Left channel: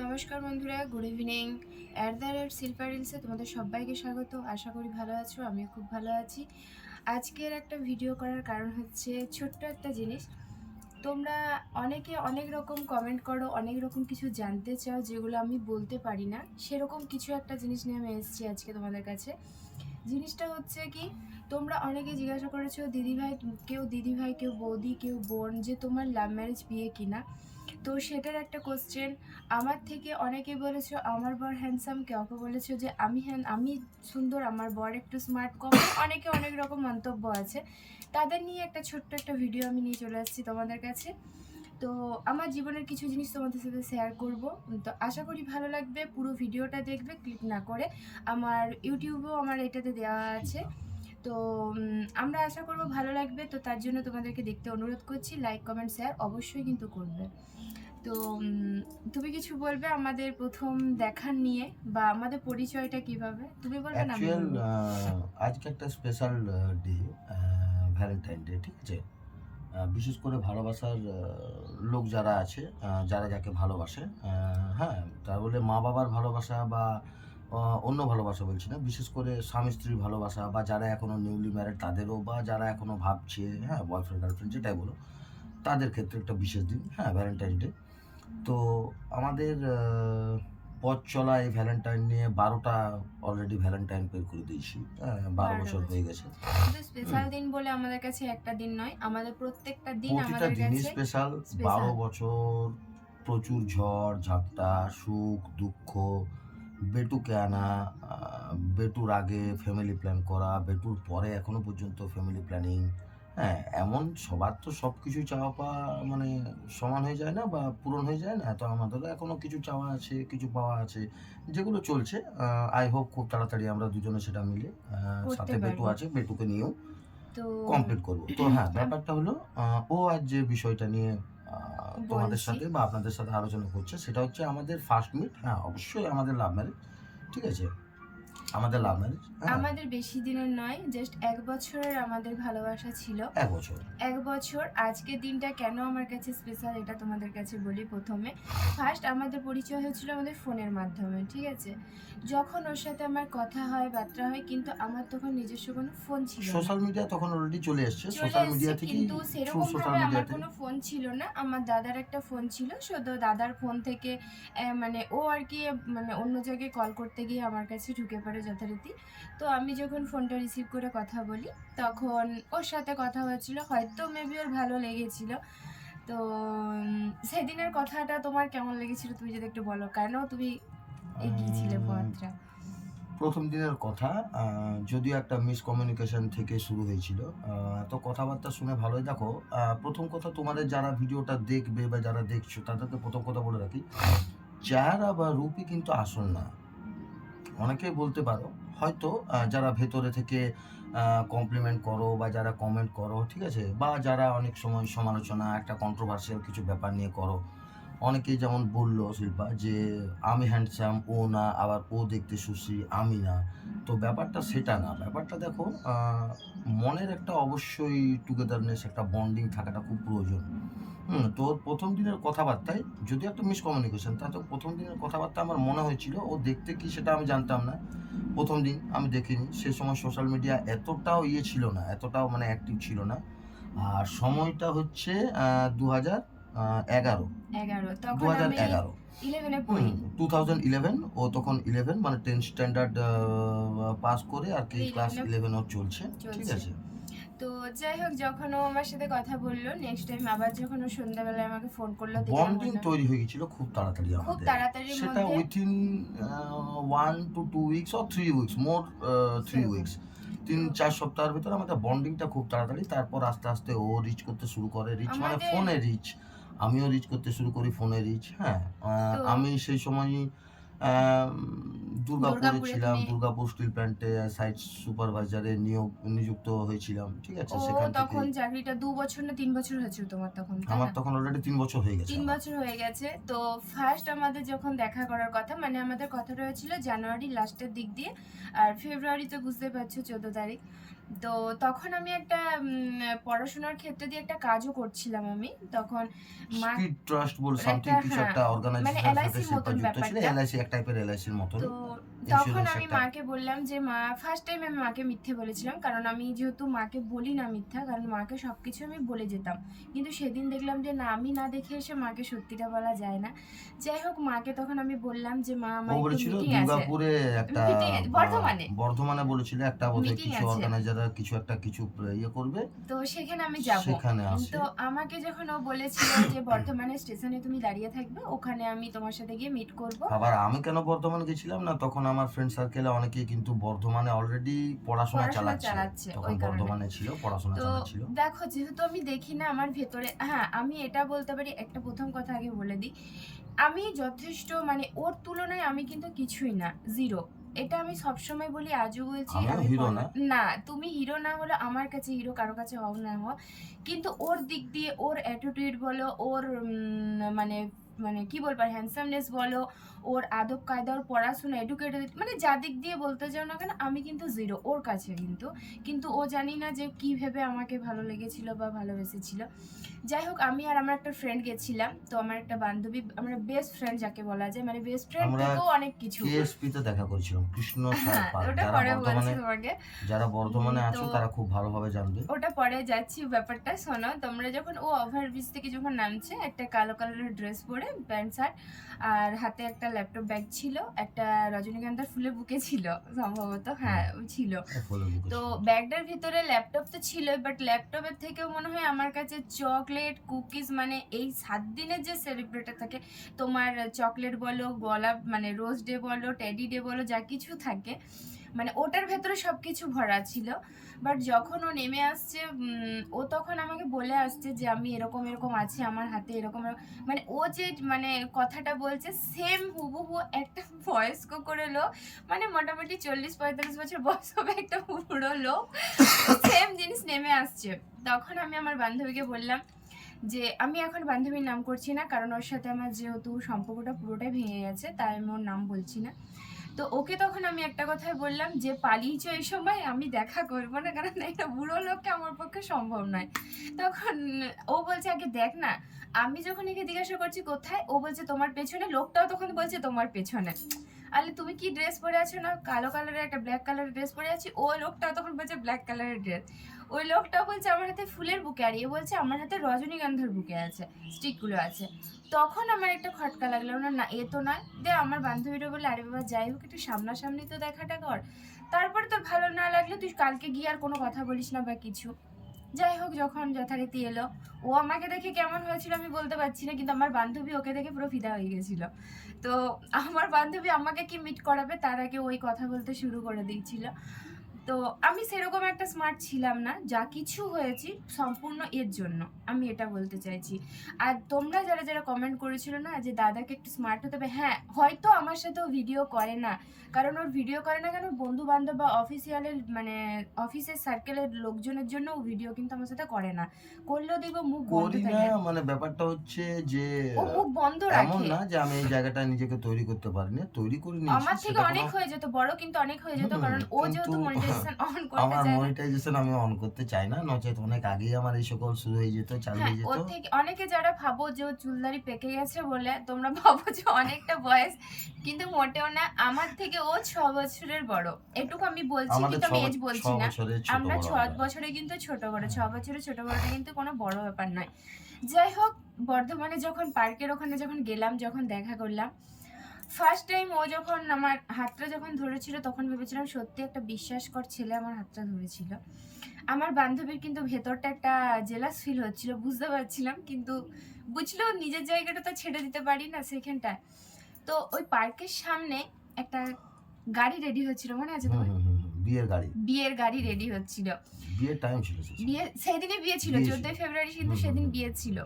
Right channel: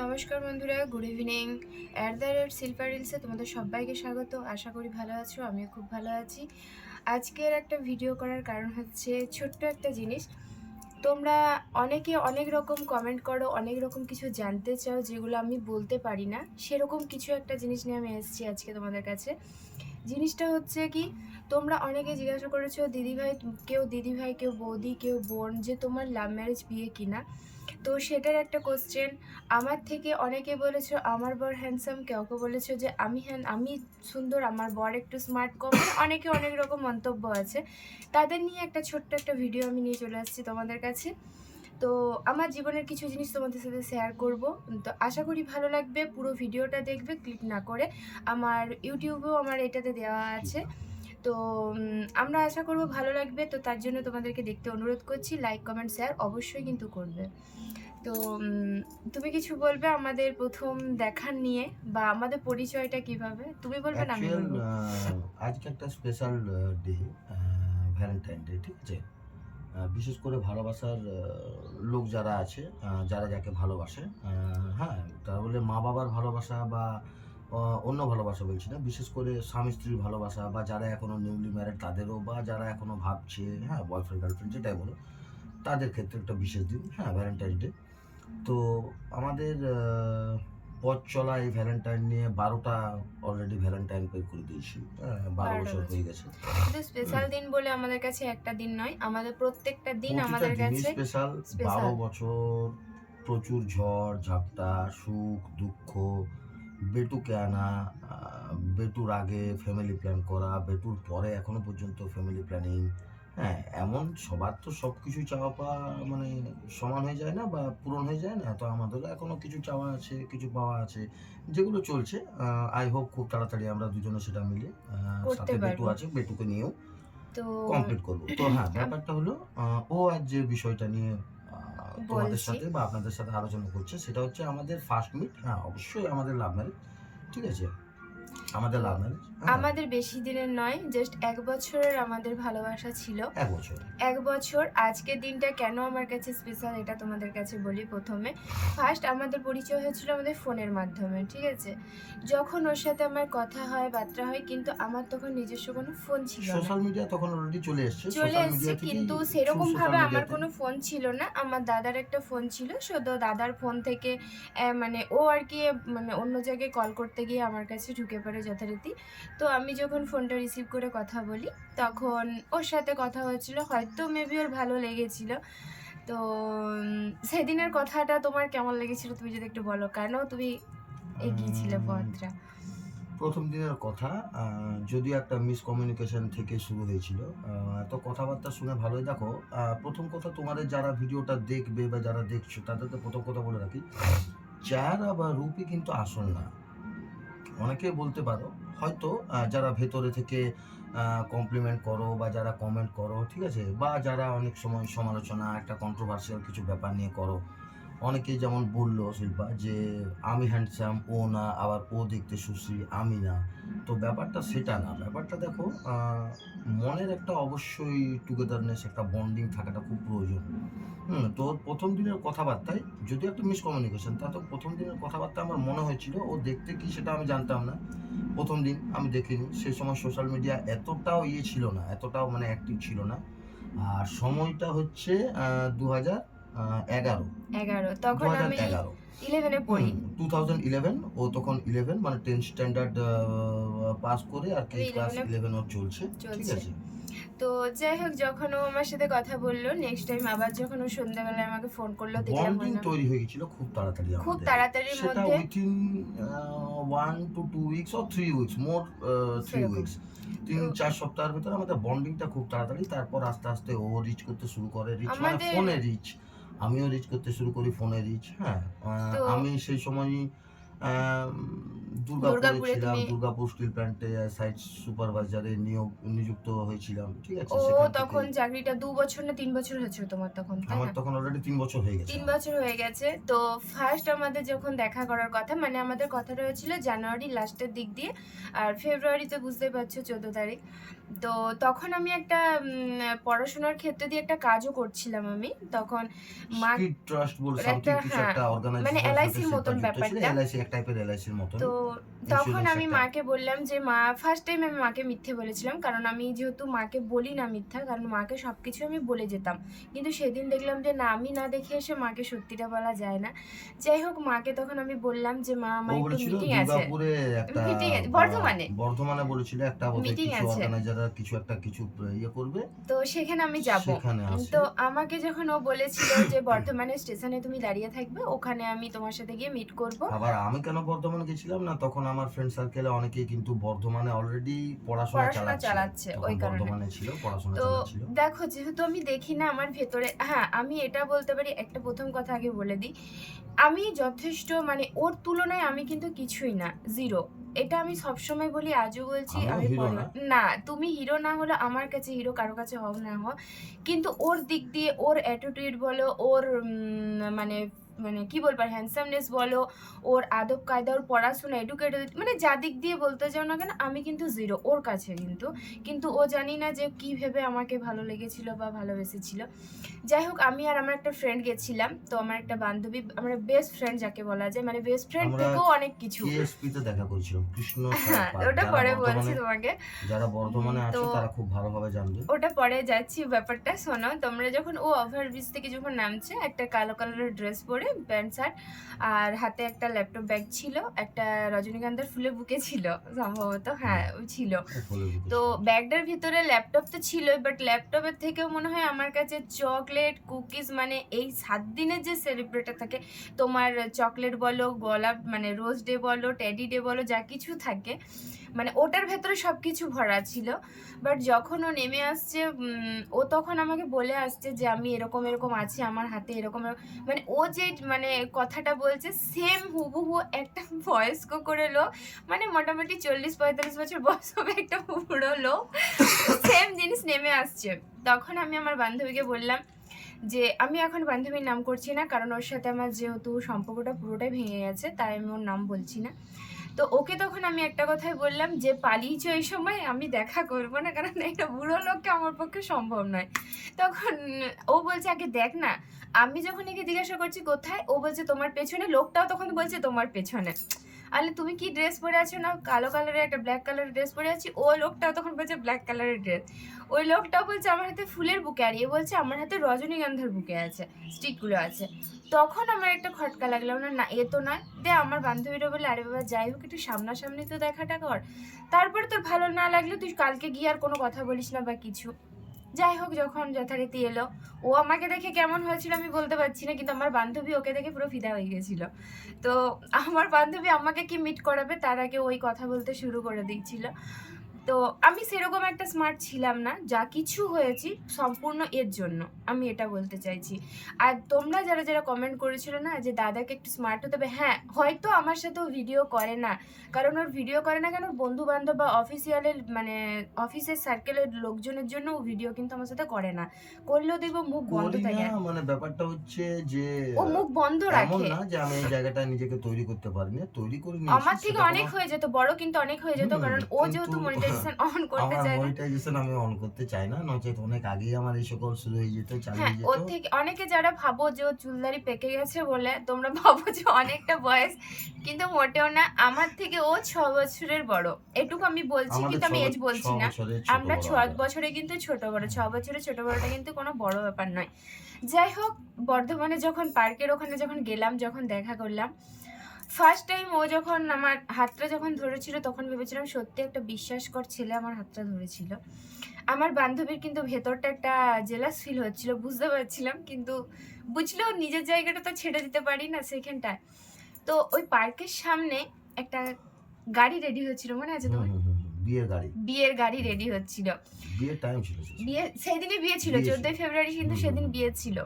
নমস্কার বন্ধুরা, good evening. Shilpa রিলসে তোমাদের সবাইকে স্বাগত। আশা করি ভালো আছো, আমিও খুব ভালো আছি। আজকের একটা ভিডিও করার কারণ হচ্ছে ছোট্ট একটা জিনিস। তোমরা অনেকে অনেক রকম কমেন্ট করো, অনেক রকম কিছু জানতে চাও যেগুলো আমি বলতে পারি না, সেরকম কিছু একটা জিনিস নিয়ে আমি এসেছি আজকে তোমাদের কাছে। জিনিসটা হচ্ছে কি, তোমরা অনেকে জিজ্ঞাসা করেছো দিদিভাই কেউ বৌদি কেউ বোন, যে তোমার লাভ ম্যারেজ বিয়ে কিনা। তো সেটার একটা কোশ্চেন। আমার থেকে অনেকে বলেছো আমার বর হ্যান্ডসাম, কেউ বলেছো যে আমি সুন্দর, আমার বর একটু স্মার্ট কম, মানে অনেকে অনেক রকম মন্তব্য আছে। তাদের নিয়ে একটা ছোট্ট একটা ভিডিও আমি নিয়ে চলে আসছি তোমাদের কাছে। তো আমার জীবনের কিছু জিনিস তোমাদের সাথে শেয়ার করব। তো আশা করি ভালো লাগবে, পুরো ভিডিওটা দেখবে ক্লিক না করে। আমার ইউটিউবেও আমার এটাতে দেওয়া আছে। তো আমরা আশা করব ভালো লাগবে। তো তার জন্য তোমাদেরকে দেখতে অনুরোধ করছি, লাইক কমেন্ট শেয়ার অবশ্যই কিন্তু করবে। তো তুমি কিছু বলবে আমাদের প্রথম দেখার নিয়ে, বা আমাদের পরিচয়টা কিভাবে, তুমি বলবে না আমি অ্যাকচুয়াল বলবো? আজকে একটা স্পেশাল ডে, ভ্যালেন্টাইন ডে, ঠিক আছে। বিশেষ করে ভালোবাসার লোক যারা আছে, যারা যাকে ভালোবাসে, হ্যাঁ, তা বলে মা বাবার ভালোবাসা বা অন্য ভালোবাসা বলছি না, বিশেষ করে স্বামী স্ত্রীর ভালোবাসা, বা যারা এখনো নিউলি ম্যারেড তাদেরও, বা যারা এখনো ভাবছে, হ্যাঁ, বয়ফ্রেন্ড গার্লফ্রেন্ড যেটাই বলো, তাদের ক্ষেত্রে একটা বিশেষ দিন, হ্যাঁ, ভ্যালেন্টাইন ডে। তো আমাদের পথ চলা এই ভ্যালেন্টাইন নিয়ে 12টা অলরেডি ভ্যালেন্টাইন পে করে দিয়েছি, হ্যাঁ, 12 12টা বছর বছর হয়ে গেছে। শুধু স্পেশাল দিন বলে আমাদের কাছে একটা দিন নয়, আমাদের প্রত্যেকটা দিন প্রতিটা আমাদের দিনই কাছে স্পেশাল। স্পেশাল। 12 বছর, প্রচুর ঝড় ঝাপটা, সুখ দুঃখ, বেটুকে আনা, বেটুর আগে ফ্যামিলি প্ল্যান করা, বেটুর পরে এখনো পর্যন্ত ফ্যামিলি প্ল্যানিং। হ্যাঁ, এমন সবার তো সব কিছু চাওয়া পাওয়া মানে সমান হয়ে যায় না বা পূরণ হয়ে যায় না, তো আমাদেরও এখনো কিছু চাওয়া আছে, কিছু পাওয়া আছে, যেগুলো চলছে। আই হোপ খুব তাড়াতাড়ি আমরা দুজনে সেটা মিলে, করতে সাথে বেটু পারবো। আছে, বেটুকে নিয়েও তো কমপ্লিট করব। তো হ্যাঁ, ব্যাপারটা হলো, ও আজ যে বিষয়টা নিয়ে তোমাদের বলছি, সাথে বা আপনাদের সাথে আলোচনা করছে, সেটা হচ্ছে আমাদের ফার্স্ট মিট। হ্যাঁ, অবশ্যই আমাদের লাভ ম্যারেজ, ঠিক আছে? তো আমাদের লাভ ম্যারেজ, হ্যাঁ, আমাদের বেশি দিনের নয়, জাস্ট 1 বছরের আমাদের ভালোবাসা ছিল। ১ বছর। 1 বছর। আজকের দিনটা কেন আমার কাছে স্পেশাল এটা তোমাদের কাছে বলি। প্রথমে ফার্স্ট আমাদের পরিচয় হয়েছিল আমাদের ফোনের মাধ্যমে, ঠিক আছে। যখন ওর সাথে আমার কথা হয়, বার্তা হয়, কিন্তু আমার তখন নিজস্ব কোনো ফোন ছিল না। সোশ্যাল মিডিয়া তখন অলরেডি চলে এসছে। চলে সোশ্যাল এসছে, মিডিয়া থেকেই, কিন্তু থ্রু সোশ্যাল সেরকমভাবে আমার মিডিয়াতে। কোনো ফোন ছিল না। আমার দাদার একটা ফোন ছিল, তো দাদার ফোন থেকে মানে ও আর কি, মানে অন্য জায়গায় কল করতে গিয়ে আমার কাছে ঢুকে পড়ে যথারীতি। তো আমি যখন ফোনটা রিসিভ করে কথা বলি, তখন ওর সাথে কথা হয়েছিল, হয়তো মেবি ওর ভালো লেগেছিল। তো সেদিনের কথাটা তোমার কেমন লেগেছিল তুমি যদি একটু বলো, কেন তুমি এগিয়েছিলে উম, পথটা? প্রথম দিনের কথা, যদিও একটা মিসকমিউনিকেশন থেকে শুরু হয়েছিল। তো কথাবার্তা শুনে ভালোই। দেখো, প্রথম কথা, তোমাদের যারা ভিডিওটা দেখবে বা যারা দেখছো তাদেরকে প্রথম কথা বলে রাখি, চেহারা বা রূপই কিন্তু আসল না। অনেকেই বলতে পারো হয়তো, যারা ভেতরে থেকে কমপ্লিমেন্ট করো বা যারা কমেন্ট করো, ঠিক আছে, বা যারা অনেক সময় সমালোচনা, একটা কন্ট্রোভার্সিয়াল কিছু ব্যাপার নিয়ে করো। অনেকেই যেমন বললো শিল্পা যে আমি হ্যান্ডসাম, ও না, আবার ও দেখতে সুশ্রী, আমি না। তো ব্যাপারটা সেটা না। ব্যাপারটা দেখো, মনের একটা অবশ্যই টুগেদারনেস, একটা বন্ডিং থাকাটা খুব প্রয়োজন। তো প্রথম দিনের কথাবার্তায় যদিও একটা মিসকমিউনিকেশন, তা তো প্রথম দিনের কথাবার্তা আমার মনে হয়েছিল ও দেখতে কি সেটা আমি জানতাম না। প্রথম দিন আমি দেখিনি, সেই সময় সোশ্যাল মিডিয়া এতটাও ছিল না, এতটাও মানে অ্যাক্টিভ ছিল না। আর সময়টা হচ্ছে 2011, 11, দু তখন হাজার আমি এগারো 11-এ হুম, পড়ি। 2011। ও তখন 11 মানে 10 স্ট্যান্ডার্ড পাস করে আর কি, আমি ক্লাস 11-এ 11 ওর চলছে, ঠিক চলছে। আছে। তো যাই হোক, যখন ও আমার সাথে কথা বললো, নেক্সট টাইম আবার যখন ও সন্ধ্যাবেলায় আমাকে ফোন করলো, দেখলাম ওর বন্ডিং নাম। তৈরি হয়ে গেছিল খুব তাড়াতাড়ি খুব আমাদের। তাড়াতাড়ির সেটা মধ্যে within 1 to 2 weeks or 3 weeks, more 3 সেরকম। উইকস, তো 3-4 সপ্তাহের ভিতরে আমাদের বন্ডিংটা খুব তাড়াতাড়ি। তারপর আস্তে আস্তে ও রিচ করতে শুরু করে, রিচ মানে আমাদের ফোনে রিচ। আমিও রিচ করতে শুরু করি, ফোনে রিচ, হ্যাঁ। তো আমি সেই সময়ই দুর্গাপুরে দুর্গাপুরে ছিলাম, তুমি, দুর্গাপুর স্টিল প্ল্যান্টে সাইট সুপারভাইজারে নিযুক্ত হয়েছিলাম, ঠিক আছে। ও সেখান থেকে তখন চাকরিটা 2 বছর না 3 বছর হয়েছিল তোমার তখন, তাই আমার না? তখন অলরেডি 3 বছর হয়ে গেছে 3 বছর হয়ে গেছে। তো ফার্স্ট আমাদের যখন দেখা করার কথা, মানে আমাদের কথাটা হয়েছিল জানুয়ারি লাস্টের দিক দিয়ে, আর ফেব্রুয়ারিতে বুঝতে পারছো 14 তারিখ। তো তখন আমি একটা পড়াশোনার ক্ষেত্রে দিয়ে একটা কাজও করছিলাম আমি তখন। মা স্ট্রিট ট্রাস্ট বলে ওর সামথিং একটা, কিছু হ্যাঁ, একটা মানে অর্গানাইজেশনের সাথে এলআইসির শিল্পা মতন যুক্ত ছিল। ব্যাপারটা। এলআইসি এক টাইপের এলআইসির মতনই। তো তখন ইন্স্যুরেন্স আমি একটা। মাকে বললাম যে মা, ফার্স্ট টাইম আমি মাকে মিথ্যে বলেছিলাম, কারণ আমি যেহেতু মাকে বলি না মিথ্যা, কারণ মাকে সব কিছু আমি বলে যেতাম। কিন্তু সেদিন দেখলাম যে না, আমি না দেখে এসে মাকে সত্যিটা বলা যায় না। যাই হোক, মাকে তখন আমি বললাম যে মা, ও আমার একটু বলেছিল মিটিং আছে। দুর্গাপুরে একটা মিটিং বর্ধমানে বর্ধমানে বলেছিল একটা বোধহয় মিটিং কিছু আছে, অর্গানাইজাররা কিছু একটা কিছু ইয়ে করবে, তো সেখানে আমি যাব। সেখানে আসে। তো আমাকে যখন ও বলেছিল যে বর্ধমানে স্টেশনে তুমি দাঁড়িয়ে থাকবে, ওখানে আমি তোমার সাথে গিয়ে মিট করব। আবার আমি কেন বর্ধমানে গেছিলাম না, তখন আমার ফ্রেন্ড সার্কেলে অনেকেই কিন্তু বর্ধমানে অলরেডি পড়াশোনা চালাচ্ছে তখন ওই কারণে। বর্ধমানে ছিল, পড়াশোনা তো চালাচ্ছিল। দেখো, যেহেতু আমি দেখি না আমার ভেতরে, হ্যাঁ আমি এটা বলতে পারি, একটা প্রথম কথা আগে বলে দিই, আমি যথেষ্ট, মানে ওর তুলনায় আমি কিন্তু কিছুই না, জিরো। এটা আমি সবসময় বলি, আজও বলছি। আমিও আমি হিরো না। না, তুমি হিরো না হলে আমার কাছে হিরো, কারো কাছে হও না হও, কিন্তু ওর দিক দিয়ে, ওর অ্যাটিটিউড বলো, ওর মানে মানে কি বলবো, হ্যান্ডসামনেস বলো, ওর আদব কায়দা, ওর পড়াশোনা, এডুকেটেড, মানে যা দিক দিয়ে বলতে যাও না কেন, আমি কিন্তু জিরো ওর কাছে। কিন্তু ও জানি না যে কি ভেবে আমাকে ভালো লেগেছিল বা ভালোবেসেছিল। যাই হোক, আমি আর আমার একটা ফ্রেন্ড গেছিলাম। তো আমার একটা বান্ধবী, আমার বেস্ট ফ্রেন্ড যাকে বলা যায়, মানে বেস্ট ফ্রেন্ড আমরা থেকেও অনেক কিছু। কেএসপি তে দেখা করেছিলাম, কৃষ্ণ সার হ্যাঁ, পার্ক। ওটা পরে বলছি তোমাকে। যারা বর্ধমানে তো আছো তারা খুব ভালোভাবে জানবে। ওটা পরে যাচ্ছি, ব্যাপারটা শোনো তোমরা। যখন ও ওভারব্রিজ থেকে যখন নামছে, একটা কালো কালারের ড্রেস পরে, প্যান্ট শার্ট, আর হাতে একটা ল্যাপটপ ব্যাগ ছিল, একটা রজনীগন্ধার ফুলের বুকে ছিল সম্ভবত, হ্যাঁ ওই ছিল। তো ব্যাগটার ভিতরে ল্যাপটপ তো ছিল, বাট ল্যাপটপের থেকেও মনে হয় আমার কাছে চকলেট, কুকিজ, মানে এই 7 দিনের যে সেলিব্রেটে থাকে তোমার, চকলেট বলো, গোলাপ মানে রোজ ডে বলো, টেডি ডে বলো, যা কিছু থাকে, মানে ওটার ভেতরে সব কিছু ভরা ছিল। বাট যখন ও নেমে আসছে, ও তখন আমাকে বলে আসছে যে আমি এরকম এরকম আছি, আমার হাতে এরকম মানে ও যে মানে কথাটা বলছে, সেম হুবহু একটা বয়স্ক করে লোক, মানে মোটামুটি 40-45 বছর বয়স হবে একটা বুড়ো লোক, সেম জিনিস নেমে আসছে। তখন আমি আমার বান্ধবীকে বললাম যে আমি এখন বান্ধবীর নাম করছি না, কারণ ওর সাথে আমার যেহেতু সম্পর্কটা পুরোটাই ভেঙে গেছে, তাই আমি ওর নাম বলছি না। তো ওকে তখন আমি একটা কথাই বললাম যে পালিয়েছো এই সময়, আমি দেখা করবো না, কারণ একটা বুড়ো লোককে আমার পক্ষে সম্ভব নয়। তখন ও বলছে আগে দেখ না। আমি যখন একে জিজ্ঞাসা করছি কোথায়, ও বলছে তোমার পেছনে। লোকটাও তখন বলছে তোমার পেছনে। আরে তুমি কি ড্রেস পরে আছো না, কালো কালারের একটা ব্ল্যাক কালারের ড্রেস পরে আছি। ও লোকটাও তখন বলছে ব্ল্যাক কালারের ড্রেস। ওই লোকটাও বলছে আমার হাতে ফুলের বুকে, আর এ বলছে আমার হাতে রজনীগন্ধার বুকে আছে, স্টিকগুলো আছে। তখন আমার একটা খটকা লাগলো, না না এ তো নয়। দে আমার বান্ধবীরা বলে আরে বাবা যাই হোক, একটু সামনাসামনি তো দেখাটা কর, তারপরে তোর ভালো না লাগলে তুই কালকে গিয়ে আর কোনো কথা বলিস না বা কিছু। যাই হোক, যখন যথারীতি এলো, ও আমাকে দেখে কেমন হয়েছিল আমি বলতে পারছি না, কিন্তু আমার বান্ধবী ওকে দেখে পুরো ফিদা হয়ে গেছিল। তো আমার বান্ধবী আমাকে কি মিট করাবে তার আগে ওই কথা বলতে শুরু করে দিয়েছিল। তো আমি সেরকম একটা স্মার্ট ছিলাম না, যা কিছু হয়েছি সম্পূর্ণ এর জন্য, আমি এটা বলতে চাইছি। আর তোমরা যারা যারা কমেন্ট করেছিল না যে দাদাকে একটু স্মার্ট হতে হবে, হ্যাঁ হয়তো আমার সাথেও ভিডিও করে না, কারণ ওর ভিডিও করে না কেন, বন্ধু বান্ধব বা অফিসিয়ালের মানে অফিসের সার্কেলের লোকজনের জন্য ও ভিডিও কিন্তু আমার সাথে করে না, করলেও দেখবো মুখ বন্ধ করি না, থাকে। মানে ব্যাপারটা হচ্ছে যে ও মুখ বন্ধ এমন রাখে। না যে আমি এই জায়গাটা নিজেকে তৈরি করতে পারিনি, তৈরি করে আমার নিয়েছি। থেকে সেটা অনেক কোনো হয়ে যেত, বড় কিন্তু অনেক হয়ে যেত, কারণ ও কিন্তু যেহেতু মনিটাইজেশন অন করতে আমার চায় না। মনিটাইজেশন আমি অন করতে চাই না, নচেত অনেক আগেই আমার এই সকল শুরু হয়ে যেত, চালু হ্যাঁ, হয়ে যেত। ওর থেকে অনেকে যারা ভাবো যে ও চুলদারি পেকে গেছে বলে, তোমরা ভাবো যে অনেকটা বয়স, কিন্তু মোটেও না। আমার থেকে ও 6 বছরের বড়, এটুকু আমি বলছি, আমাদের কিন্তু আমি এজ বলছি না। বছরের ছোট আমরা বড় 6 বছরে কিন্তু ছোট বড়, 6 বছরে ছোট বড়টা কিন্তু কোনো বড় ব্যাপার নয়। যাই হোক, বর্ধমানে যখন পার্কের ওখানে যখন গেলাম, যখন দেখা করলাম, ফার্স্ট টাইম ও যখন আমার হাতটা যখন ধরেছিল, তখন ভেবেছিলাম সত্যি একটা বিশ্বাসকর ছেলে আমার হাতটা ধরেছিল। আমার বান্ধবীর কিন্তু ভেতরটা একটা জেলাস ফিল হচ্ছিল, বুঝতে পারছিলাম, কিন্তু বুঝলেও নিজের জায়গাটা তো ছেড়ে দিতে পারি না সেখানটায়। তো ওই পার্কের সামনে একটা গাড়ি রেডি হচ্ছিল, মনে আছে তোমার? বিয়ের গাড়ি। বিয়ের গাড়ি রেডি হচ্ছিল। বিয়ের টাইম ছিল বিয়ে সেই দিনে বিয়ে ছিল, 14 ফেব্রুয়ারি কিন্তু সেদিন বিয়ে ছিল।